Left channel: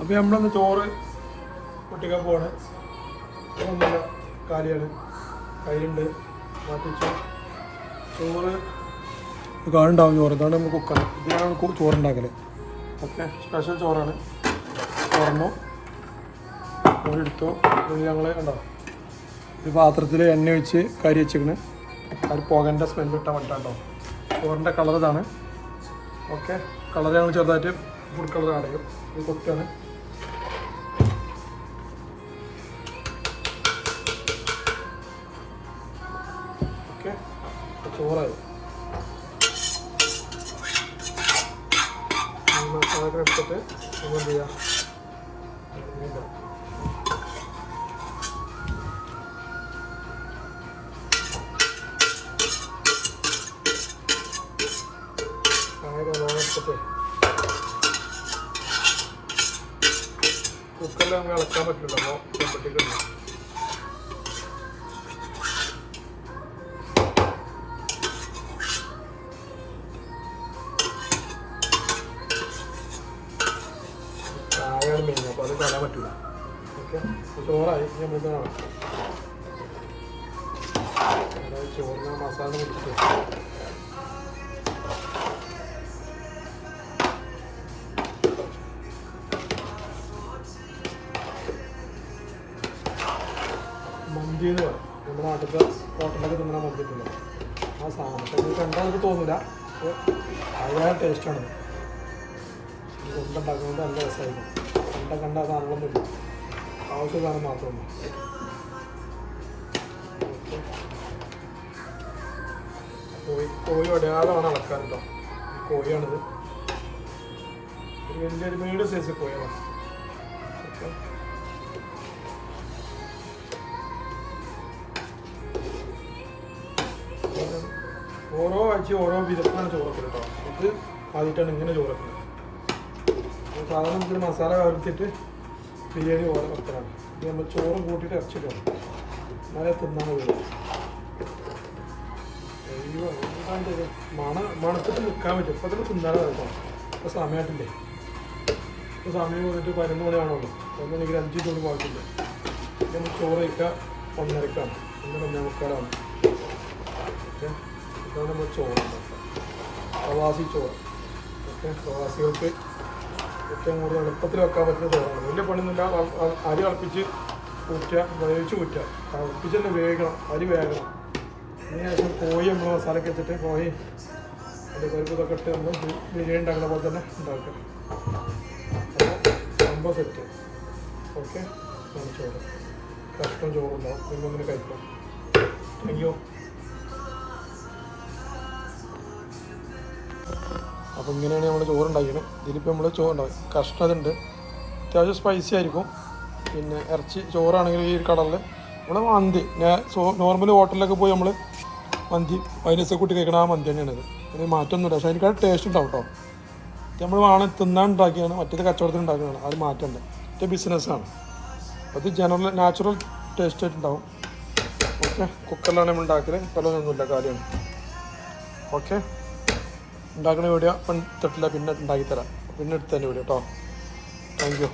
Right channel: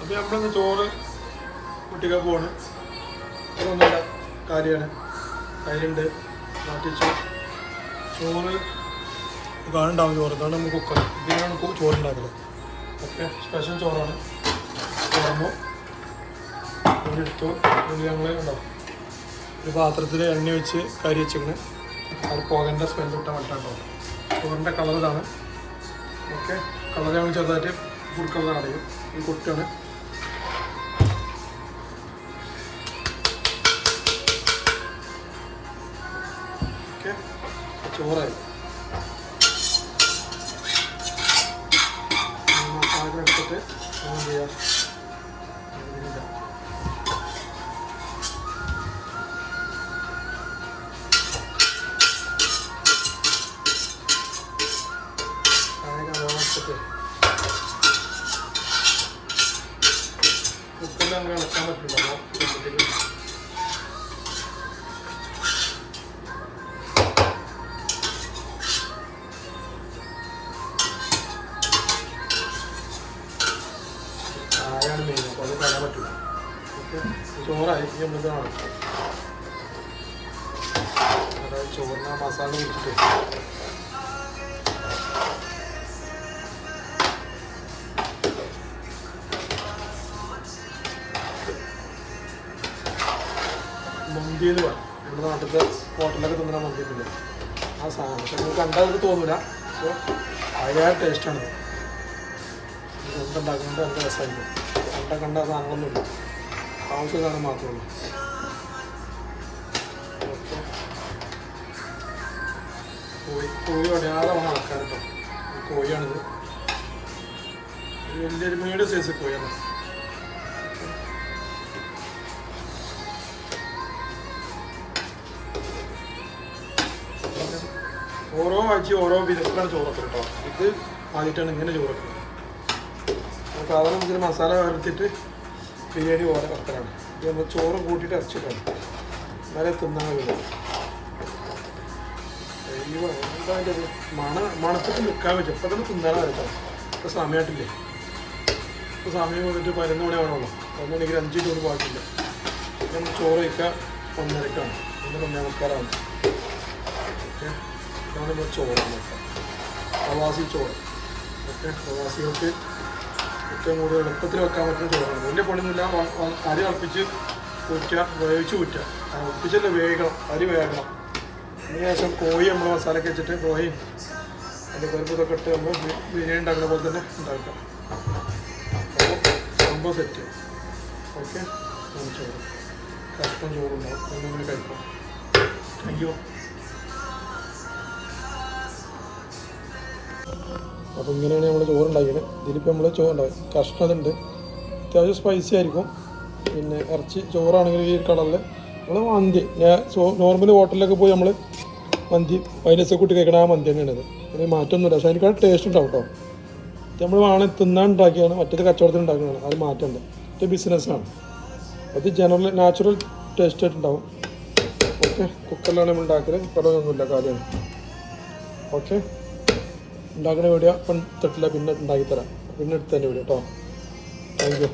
അപ്പോൾ നമ്മളൊന്ന് ചോറ് പൊട്ടിക്കാൻ പോവാണ്. അതൊന്നുമില്ല, കാര്യമാണ്. കയ്യിലുണ്ട്, മാറ്റിച്ചു. ചോറ് കാണുണ്ടാവും ചോറ്. ഇതാണ് നമ്മൾ കുക്കർ. ഇതിനാണ് ചോറുണ്ടാക്കൽ. ഓക്കെ, സ്പെഷ്യൽ ചോറാണ്. തുറന്നു എടുത്തു. ഞങ്ങൾ ഉണ്ടോ ഒരു പാത്രത്തിൽ എണ്ണ ഒഴിച്ച് കരി വെച്ചിരുന്നു. അത് പോകേണ്ട സ്മെല്ല് കിട്ടാൻ പറ്റാണ്ടോ. ചോറിൻ്റെ കളർ ഇതാണ്. ഓക്കെ, കളർ ഞങ്ങൾ ചെറുതായിട്ട് ഫുഡ് കളർ അടയും. ഇത് കൊട്ടാണ്. ഓക്കെ, ചോറായി. മസാല എടുത്തിട്ട് നമ്മൾ എന്ത് ചെയ്യാം, ഇതിൻ്റെ എടുത്തിട്ട് കുക്കറിൽ നമുക്ക് ഇളക്കാൻ പറ്റില്ല. അപ്പോൾ കൊണ്ടിട്ട് കായാണ് മെയിൻ. അപ്പോൾ അത് കളയാൻ പറ്റില്ല. ഓക്കെ, ചോറായി. നമ്മളിത് നടക്കും. അതായത് ചോറിന് മസാല കുടിച്ചിട്ട് മന്തി എന്ന് പറയും. നമ്മുടെ നാട്ടിലത്തെ ഹോട്ടലൊക്കെ തിന്നുന്ന മന്തി ഉണ്ടല്ലോ, ആ സാധനം. പക്ഷെ നിങ്ങൾക്ക് കണ്ടാൽ എനിക്ക് തോന്നില്ല. പക്ഷേ അതിലേറെ ടേസ്റ്റാണ്. കൊണ്ടുണ്ടാക്കുന്നത് നല്ല രസമായിരിക്കും. കണ്ട സാധനങ്ങളൊന്നുമില്ല, ആവശ്യ സാധനം മാത്രമല്ല. ഓക്കെ, കോഴി ഒടയാതെ വേണം ഇളക്കാൻ കേട്ടോ. ഈ കോഴിയാണിത്. ഒരു വലിയൊരു മീഡിയം സൈസ് കോഴിയാണ്. ഓക്കെ, ഓരോ ആഴ്ച ഓരോ വിധത്തിലാണ് ചോറ് വെക്കുന്നത് കേട്ടോ. ഇത് ആദ്യമായിട്ടാണ് ഇങ്ങനെ ചോറ് വെക്കുന്നത്. സാധാരണ ഇതിന് മസാല കലർത്തിയിട്ട് ബിരിയാണി പോലെ വെക്കലാണ്. ഇത് നമ്മൾ ചോറും കൂട്ടിയിട്ട് ഇറച്ചിട്ടാണ്, എന്നാലേ തിന്നാൻ കഴിയുള്ളൂ. എന്തായാലും മണത്തിട്ട് നിൽക്കാൻ പറ്റും. ഇപ്പോൾ തന്നെ തിന്നാനാണ് കേട്ടോ. ഇപ്പോൾ സമയമായിട്ടില്ലേ, ഇപ്പോൾ സമയം കൊടുത്തിട്ട് 11 മണി വേണമല്ലോ. 11 മണിക്ക് 5 മിനിറ്റ് പോയിട്ടില്ല. നമ്മൾ ചോറ് വയ്ക്കുക 1:30ക്കാണ്. 1:45. ഓക്കെ, ഇതാണ് നമ്മൾ ചോറാണ്. പ്രവാസി ചോറ്. ഓക്കെ, പ്രവാസികൾക്ക് ഏറ്റവും കൂടുതൽ എളുപ്പത്തിൽ വെക്കാൻ പറ്റുന്ന ചോറാണ്. വലിയ പണിയൊന്നുമില്ല. അരി തിളപ്പിച്ച് ഊറ്റുക, വേവിച്ച് ഊറ്റുക. തിളപ്പിച്ചല്ലേ വേഗം, അരി വേഗണം. അതിനുശേഷം കോഴി നമ്മൾ മസാലയൊക്കെ വെച്ചിട്ട് കോഴി അതിൻ്റെ പരിപ്പ് ഇതൊക്കെ ഇട്ട് നമ്മൾ ബിരിയാണി ഉണ്ടാക്കുന്ന പോലെ തന്നെ ഉണ്ടാക്കുക. അപ്പോൾ സംഭവം സെറ്റ്. ഓക്കെ, നല്ല ചോറ്, കഷ്ടം ചോറുണ്ടാവും. എന്തെങ്കിലും കഴിക്കാം. Thank you. അപ്പോൾ ഇങ്ങനെയാണ് നമ്മൾ ചോറുണ്ടാക്കിയത്. ഇതിലിപ്പോൾ നമ്മൾ ചോറുണ്ടാവും. കഷ്ണം അതുണ്ട്, അത്യാവശ്യം സ്പൈസി ആയിരിക്കും. പിന്നെ ഇറച്ചി ചോറാണെങ്കിൽ ഈ കളറിൽ നമ്മൾ മന്തി നോർമൽ ഹോട്ടലിലൊക്കെ പോയി നമ്മൾ മന്തി വൈനസ് കൂട്ടി കഴിക്കണം. ആ മന്തി തന്നെയാണിത്. അതിന് മാറ്റമൊന്നുമില്ല. പക്ഷേ അതിനേക്കാൾ ടേസ്റ്റ് ഉണ്ടാവും കേട്ടോ. ഇത് നമ്മൾ വേണം തിന്നാൻ ഉണ്ടാക്കിയാണ്, മറ്റേത് കച്ചവടത്തിന് ഉണ്ടാക്കുന്നതാണ്. അത് മാറ്റമുണ്ട്. ഇത് ബിസിനസ്സാണ്. അത് നാച്ചുറൽ ടേസ്റ്റ് ആയിട്ടുണ്ടാവും. ഓക്കെ, കുക്കറിലാണ് നമ്മൾ ഉണ്ടാക്കൽ. കടമൊന്നുമില്ല, കാര്യമാണ്. ഓക്കെ, ഉണ്ടാക്കുന്ന വീഡിയോ ഇപ്പം തൊട്ടില്ല, പിന്നെ ഉണ്ടാക്കിത്തരാം. പിന്നെ എടുത്തതിൻ്റെ വീഡിയോ കേട്ടോ. Thank you.